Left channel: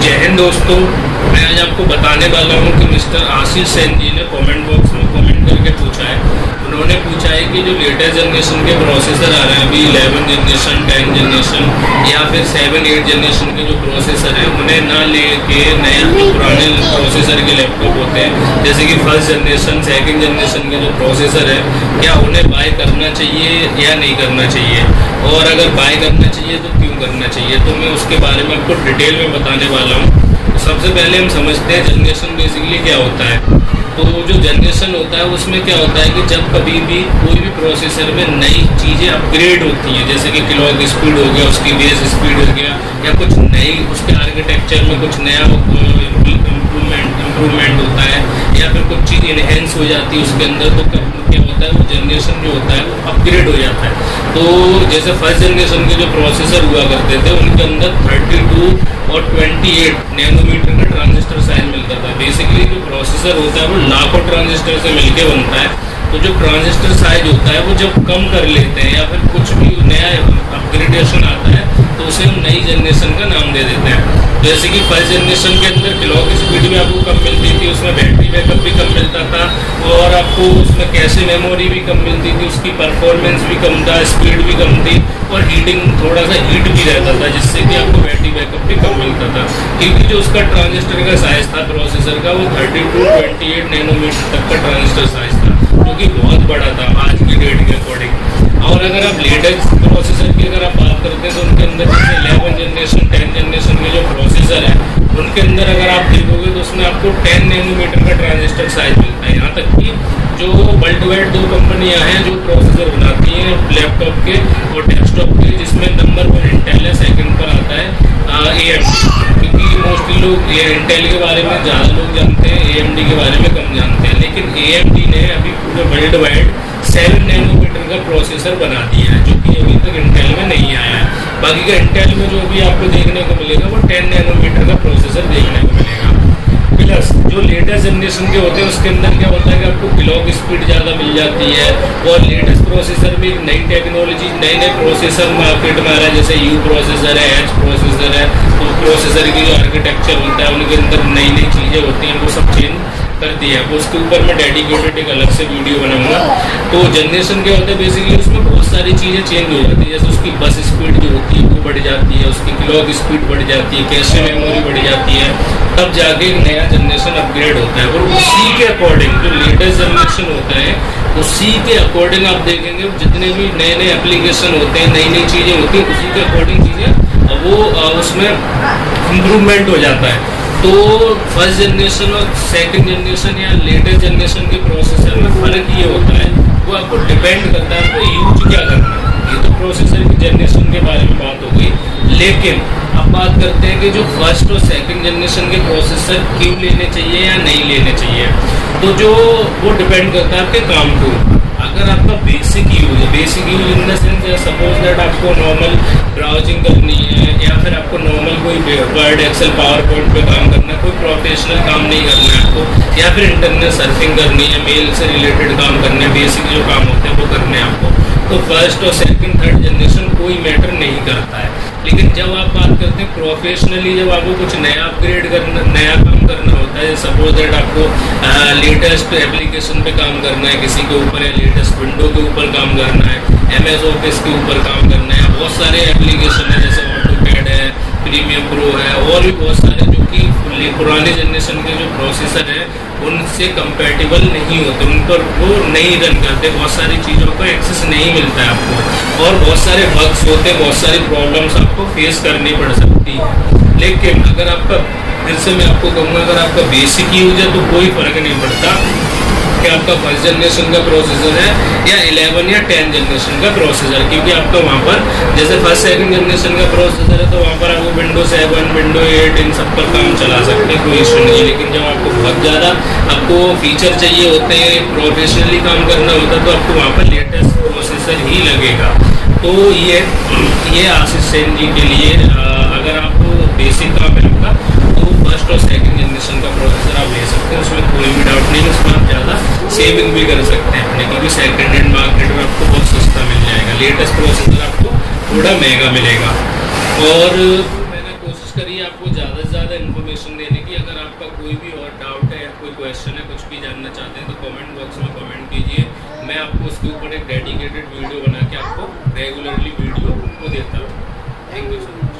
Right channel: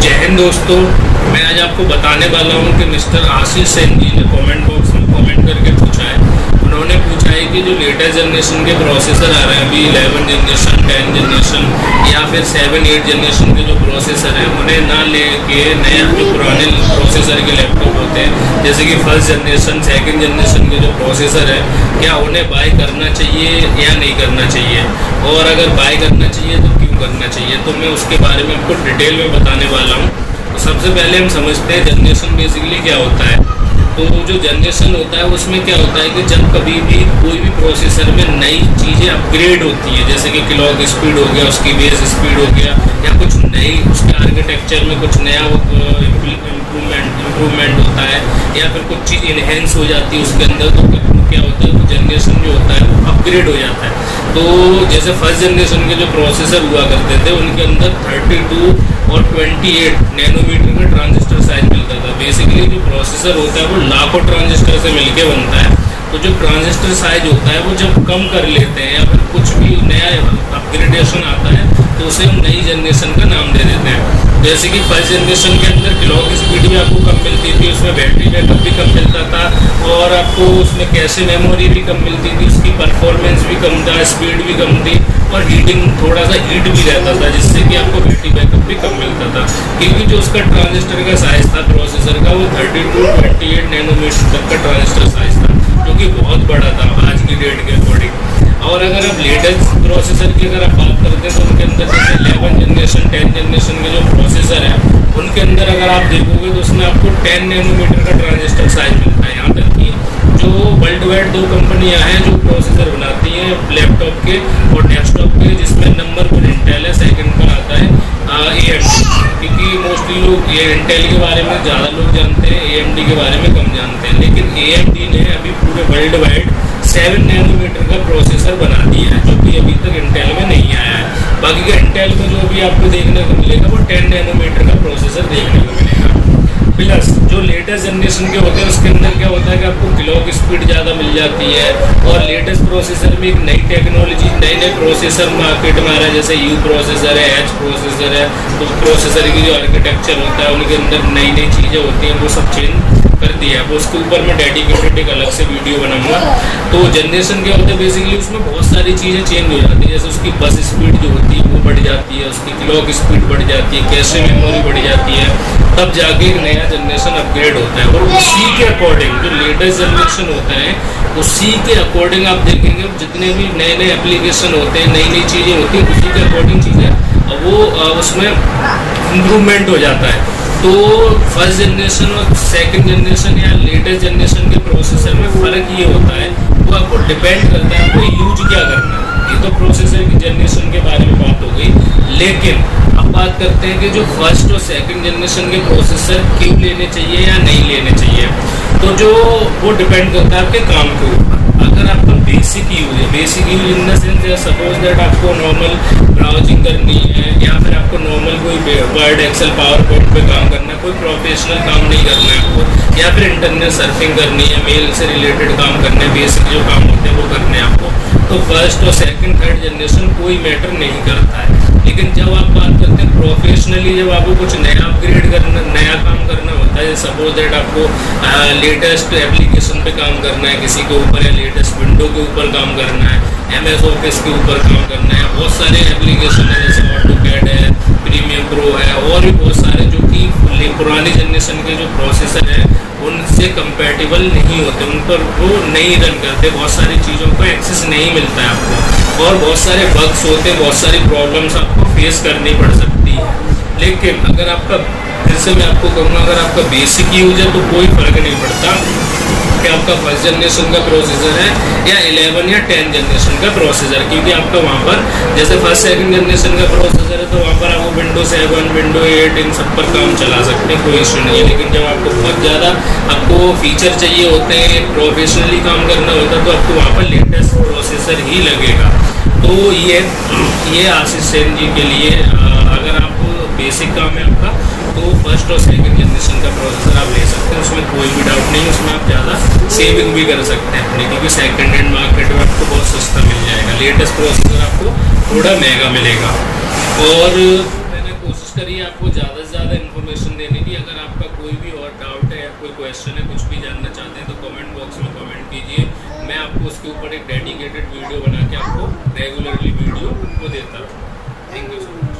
जय हिंद दोस्तों, मैं आज आपको बताने वाला हूं कि मिस्टर आशीष सेन जी ने कमेंट बॉक्स में कमेंट करके पूछा है। उन्होंने पूछा है कि जो लेटेस्ट जनरेशन के प्रोसेसर आ रहे हैं अभी 11 जनरेशन, 10 जनरेशन या फिर 7-8 जनरेशन के जो प्रोसेसर हैं उन्हें ना लेके नए जो पुराने प्रोसेसर के लैपटॉप होते हैं जैसे कि फर्स्ट जनरेशन, सेकेंड जनरेशन के जो प्रोसेसर है, क्या उन्हें बाय करना चाहिए या नहीं करना चाहिए, और अगर बाय करना चाहिए तो क्यों करना चाहिए। तो मैं उसके बारे में आपको डिटेल में बताने वाला हूँ। तो सबसे पहले हम समझते हैं जनरेशन बेसिकली क्या होता है। तो जो जनरेशन होता है उसमें क्या होता है कि जब कभी भी कोई भी प्रोसेसर में नई चीज़ें अपग्रेड होती हैं, जैसे कि क्लॉक स्पीड हो गया, उसकी बेस स्पीड हो गया, या कुछ नई उसके आर्किटेक्चर में कुछ नया इम्प्रूवमेंट होता है, या फिर कुछ चीज़ इन्हेंस हो जाती है उसके अंदर, तो क्या होता है वो जनरेशन जो होता है वो अपग्रेड हो जाता है। तो जैसे फर्स्ट जनरेशन के जो प्रोसेसर हुआ करते थे उनके अंदर 32 और 28 नैनोमीटर का ट्रांजिस्टर साइज मिलता था। बेसिकली जो प्रोसेसर होता है वो लाखों ट्रांजिस्टर से मिलके बनता है। तो जो ट्रांजिस्टर साइज होता है वो जब कम कर लेते हैं या फिर कुछ भी नया अपग्रेडेशन आता है तो उसे हम नई जनरेशन का नाम दे देते हैं। जैसे कि फर्स्ट जनरेशन के अंदर क्लॉक स्पीड भी आपको कम मिलती थी, उसमें बैटरी बैकअप भी कम मिलता था, और आपको उसमें कैशे मेमोरी भी कम मिलती थी, उसकी परफॉर्मेंस भी कम था, स्पीड भी कम थी, और हीटिंग थोड़ा सा हीट भी रहता था जिससे कि आपको बैटरी बैकअप भी कम मिलता था। क्योंकि जो उसका ट्रांजिस्टर का साइज़ था प्रोसेसर का वो 32-28 नैनोमीटर तक का ट्रांजिस्टर साइज़ था, जो कि बहुत बड़ा था आज की डेट के अकॉर्डिंग। और अगर आप लेटेस्ट प्रोसेसर की अगर आप बात करते हैं तो उनके अंदर जैसे 11 जनरेशन, 10 जनरेशन के जो प्रोसेसर है उनके अंदर अगर आप देखोगे तो उसमें आपको 10 नैनोमीटर का ट्रांजिस्टर साइज मिलता है। यहाँ तक कि जो वर्ल्ड वाइड 2 कंपनियां हैं जो प्रोसेसर बनाती हैं लैपटॉप के और डेस्कटॉप के, जिसमें नंबर 1 इंटेल है, सेकंड पर आता है AMD। क्योंकि मोस्टली लोग इंटेल के बारे में ज़्यादा लोग जानते हैं, AMD के बारे में कम जानते हैं। लेकिन AMD ने अभी पूरे वर्ल्ड वाइड 7 नैनोमीटर का प्रोसेसर बना दिया है, जो कि अभी तक इंटेल में नहीं आया है। बाकी का इंटेल में जो भी आपको देखने को मिलेगा वो 10 नैनोमीटर का प्रोसेसर देखने को मिलेगा। प्लस जो लेटेस्ट जनरेशन के होते हैं उसके अंदर क्या होता है कि आपको क्लॉक स्पीड ज़्यादा मिल जाती है, और लेटेस्ट प्रोसेसर में एक नई टेक्नोलॉजी, नए प्रोसेसर मार्केट में आ रहा है, जैसे U प्रोसेसर है, H प्रोसेसर है। तो प्रोसेसर की जो आर्किटेक्चर होता है उनके अंदर नई नई चीज़ें होती हैं, वो सब चेंज कर दिया है। वो उसके ऊपर मैं डेडिकेटेड एक अलग से वीडियो बनाऊंगा। तो जनरेशन क्या होता है बेसिकली उसमें बहुत सारी चीज़ें चेंज हो जाती है, जैसे उसकी बस स्पीड जो होती है वो बढ़ जाती है, उसकी क्लॉक स्पीड बढ़ जाती है, कैशे मेमोरी बढ़ जाती है, तब जाके एक नया जनरेशन अपग्रेड होता है। और उसी के अकॉर्डिंग जो लेटेस्ट जनरेशन होता है उसी के अकॉर्डिंग आप देखेंगे जितने भी नए नए एप्लीकेशन होते हैं, नई नई चीज़ें होती हैं, उसी के अकॉर्डिंग चीज़ें वो उसमें इम्प्रूवमेंट हो जाता है। तो फर्स्ट जनरेशन और सेकंड जनरेशन या लेटेस्ट जनरेशन के प्रोसेसर में फ़र्क ये होता है, वो आपको डिपेंड करता है आपको यूज क्या करना है। ये तो प्रोसेसर की जनरेशन के बारे में बात हो गई। लेकिन अब बात करते हैं कि जो फर्स्ट और सेकंड जनरेशन के प्रोसेसर क्यों लेने चाहिए या नहीं लेने चाहिए। तो जो वो डिपेंड करता है आपके काम के ऊपर। अगर आपका बेसिक यूज है, basic use in the sense suppose that आपको नॉर्मल ब्राउजिंग करनी है, या फिर आपको नॉर्मल कोई वर्ड, एक्सेल, पावर पॉइंट पे काम करना है, कोई प्रोफेशनल काम नहीं करना है आपको, या फिर इंटरनेट सर्फिंग करनी है, मेल से रिलेटेड काम करने हैं, बेसिक जो काम होते हैं वो करने हैं आपको, तो फर्स्ट और सेकंड, थर्ड जनरेशन कोई मैटर नहीं करता है। लेकिन जब आप बात करते हैं प्रोफेशनली, जब आपको कुछ नया अपग्रेड करना, नया काम करना होता है, सपोज दैट आपको लेटेस्ट एप्लीकेशन पे काम करना है किसी के ऊपर, या लेटेस्ट विंडो के ऊपर काम करना है, MS ऑफिस के ऊपर काम करना है, बहुत सारे एप्लीकेशन है जैसे ऑटोकैड है, प्रीमियम प्रो है, और भी बहुत सारे जो कि पुराने जनरेशन के जो प्रोसेसर है उनसे कंपैटिबल नहीं होते, उन पर वो नहीं रन करते, बहुत सारी चीज़ों का एक्सेस नहीं मिलता है आपको, और बहुत सारे बग्स होते हैं, बहुत सारी प्रॉब्लम्स आपको फेस करनी पड़ सकती है। लेकिन अगर आपका, फिर से मैं आपको कहूँगा, अगर आपका बेसिक यूज है तो कोई फ़र्क नहीं पड़ता कि आपका फर्स्ट जनरेशन का प्रोसेसर है या 11 या 10 जनरेशन का प्रोसेसर, क्योंकि आपका वहाँ पर जैसे फर्स्ट सेकंड जनरेशन का प्रोसेसर है तो वहाँ पर आपको विंडो 7, विंडो 8 इन सब पर काम चला सकते हैं, कोई इशू नहीं है। लेकिन जब आपको बहुत ज़्यादा आपको फीचर चाहिए होते हैं, प्रोफेशनली काम करना होता है, तो आपको वहाँ पर लेटेस्ट प्रोसेसर ही लगेगा। तो ये आशीष सेन जी के लिए अगर आप बेसिक काम है आपका तो फर्स्ट और सेकंड जनरेशन का प्रोसेसर आप ले सकते हैं, उसमें कोई भी डाउट नहीं है। उसमें आप ज़्यादा सेविंग भी कर सकते हैं अपने, क्योंकि सेकंड हैंड मार्केट में आपको बहुत सस्ता मिल जाएगा, लेटेस्ट प्रोसेसर आपको थोड़ा महंगा मिलेगा। और मैंने कोशिश करी है आपको ज़्यादा से ज़्यादा इन्फॉर्मेशन देने की। अगर आपका कोई भी और डाउट है या कोई क्वेश्चन है, कुछ भी जानना चाहते हैं तो कमेंट बॉक्स में कमेंट कीजिए। मैं आपको उसके ऊपर एक डेडिकेटेड वीडियो बना के आपको रेगुलरली वीडियो आपको देता रहूँ। Thank you so much.